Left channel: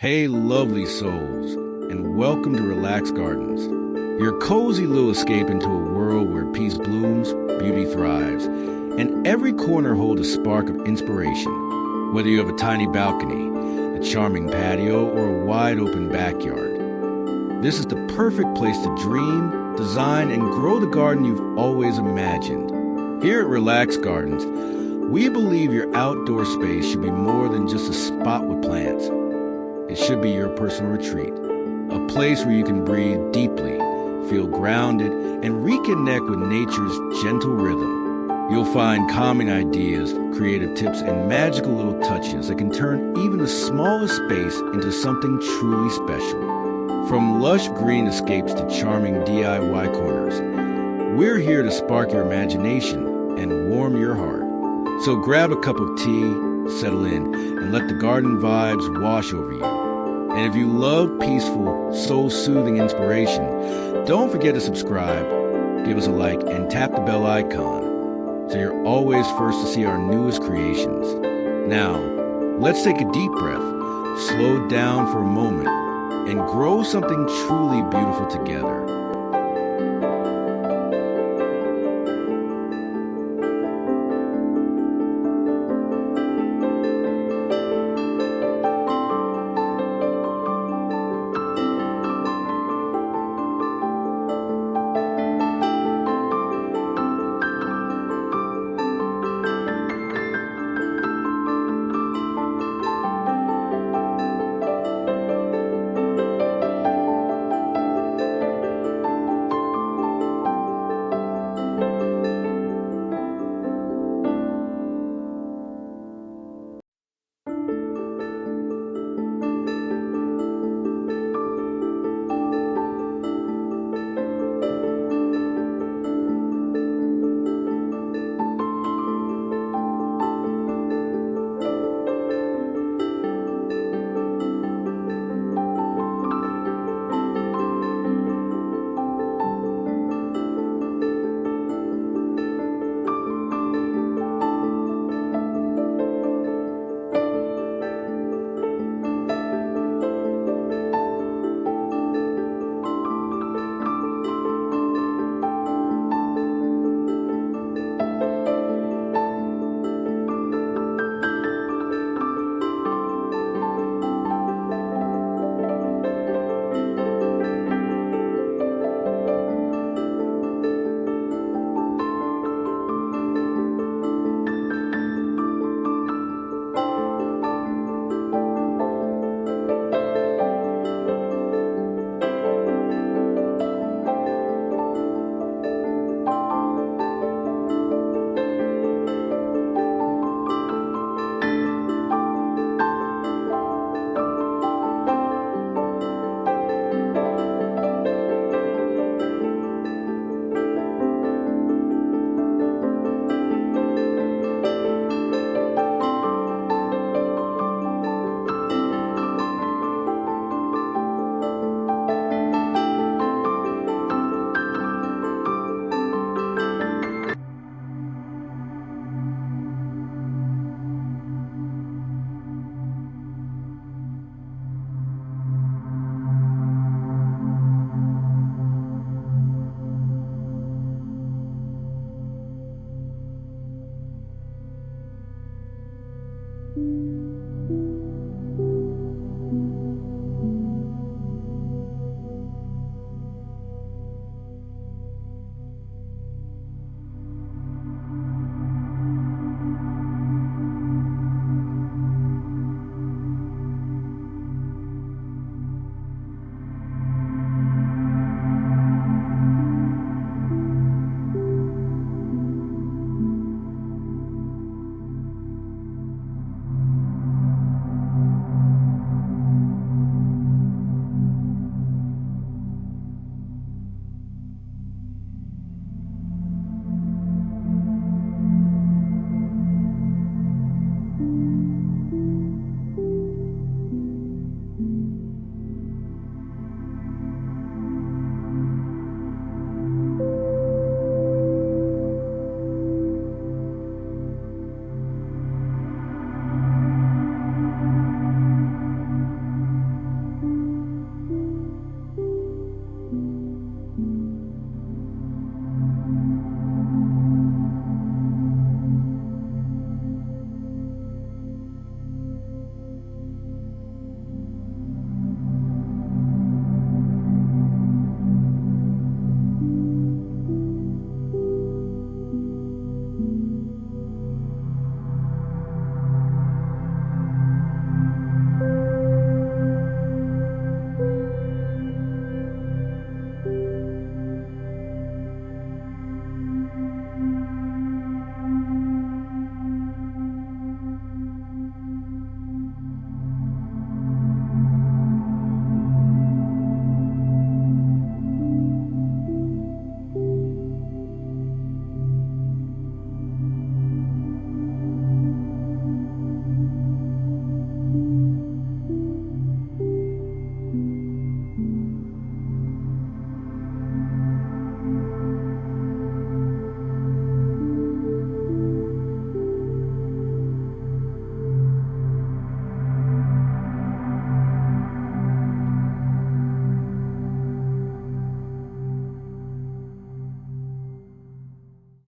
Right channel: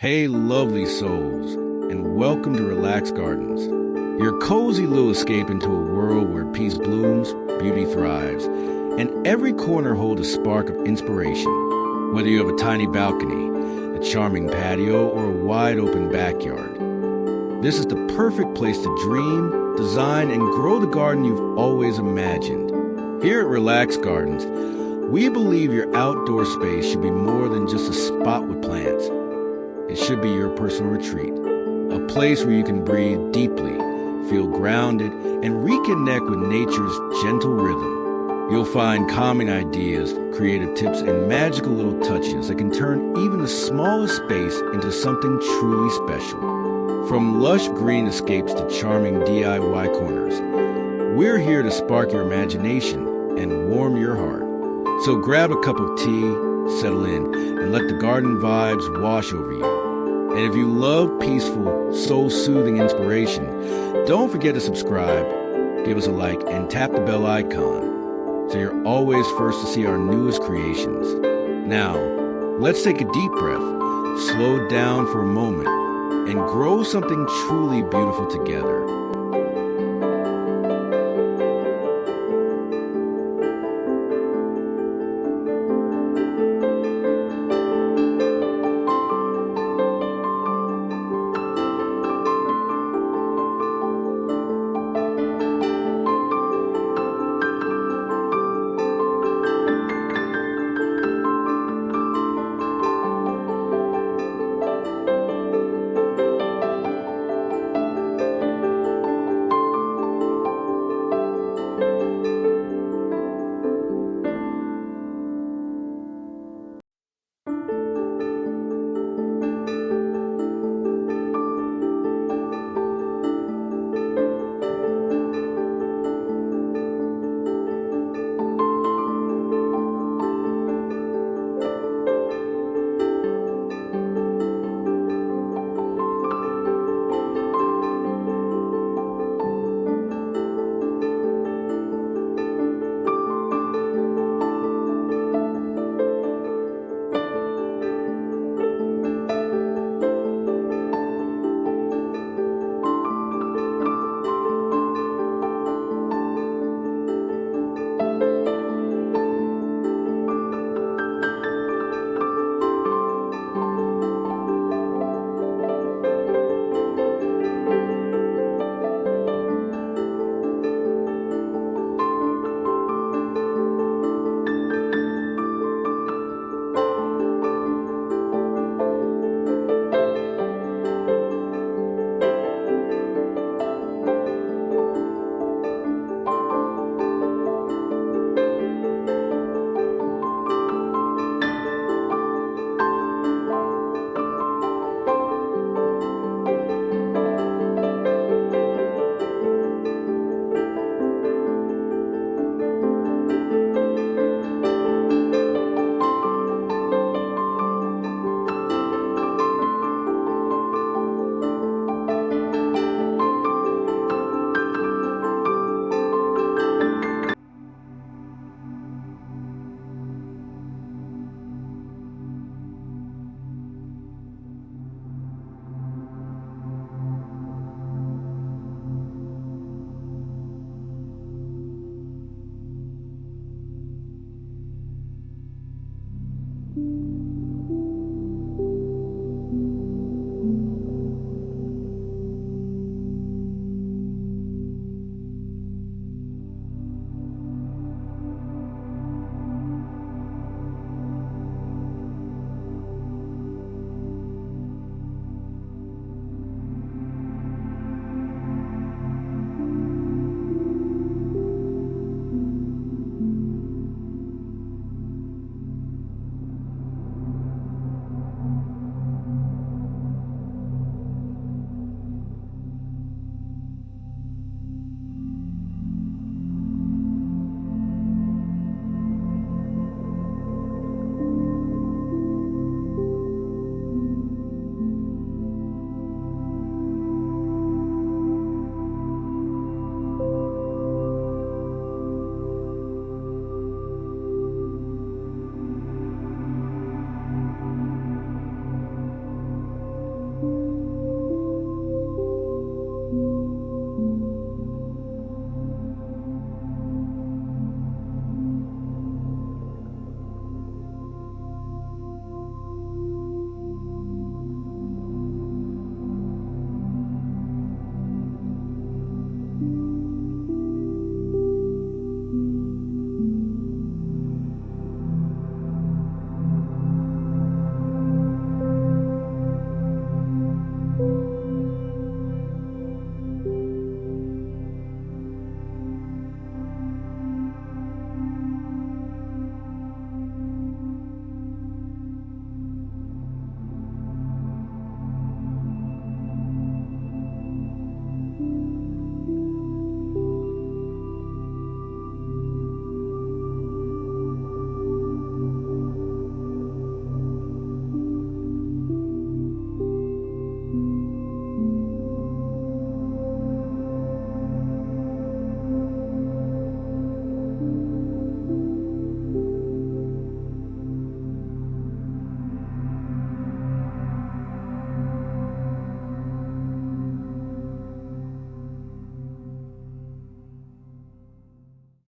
Hey, lovely souls, and welcome to Relax Gardens, your cozy little escape into a world where peace blooms, beauty thrives, and every corner holds a spark of inspiration. Whether you have a tiny balcony, a charming patio, or a wide open backyard, this is the perfect place to dream, design, and grow the garden you've always imagined. Here at Relax Gardens, we believe your outdoor space should be more than just a spot with plants. It should be your personal retreat, a place where you can breathe deeply, feel grounded, and reconnect with nature's gentle rhythm. You'll find calming ideas, creative tips, and magical little touches that can turn even the smallest space into something truly special. From lush green escapes to charming DIY corners, we're here to spark your imagination and warm your heart. So grab a cup of tea, settle in, and let the garden vibes wash over you. And if you love peaceful, soul-soothing inspiration, don't forget to subscribe, give us a like, and tap the bell icon so you're always first to see our newest creations. Now, let's take a deep breath, slow down for a moment, and grow something truly beautiful together.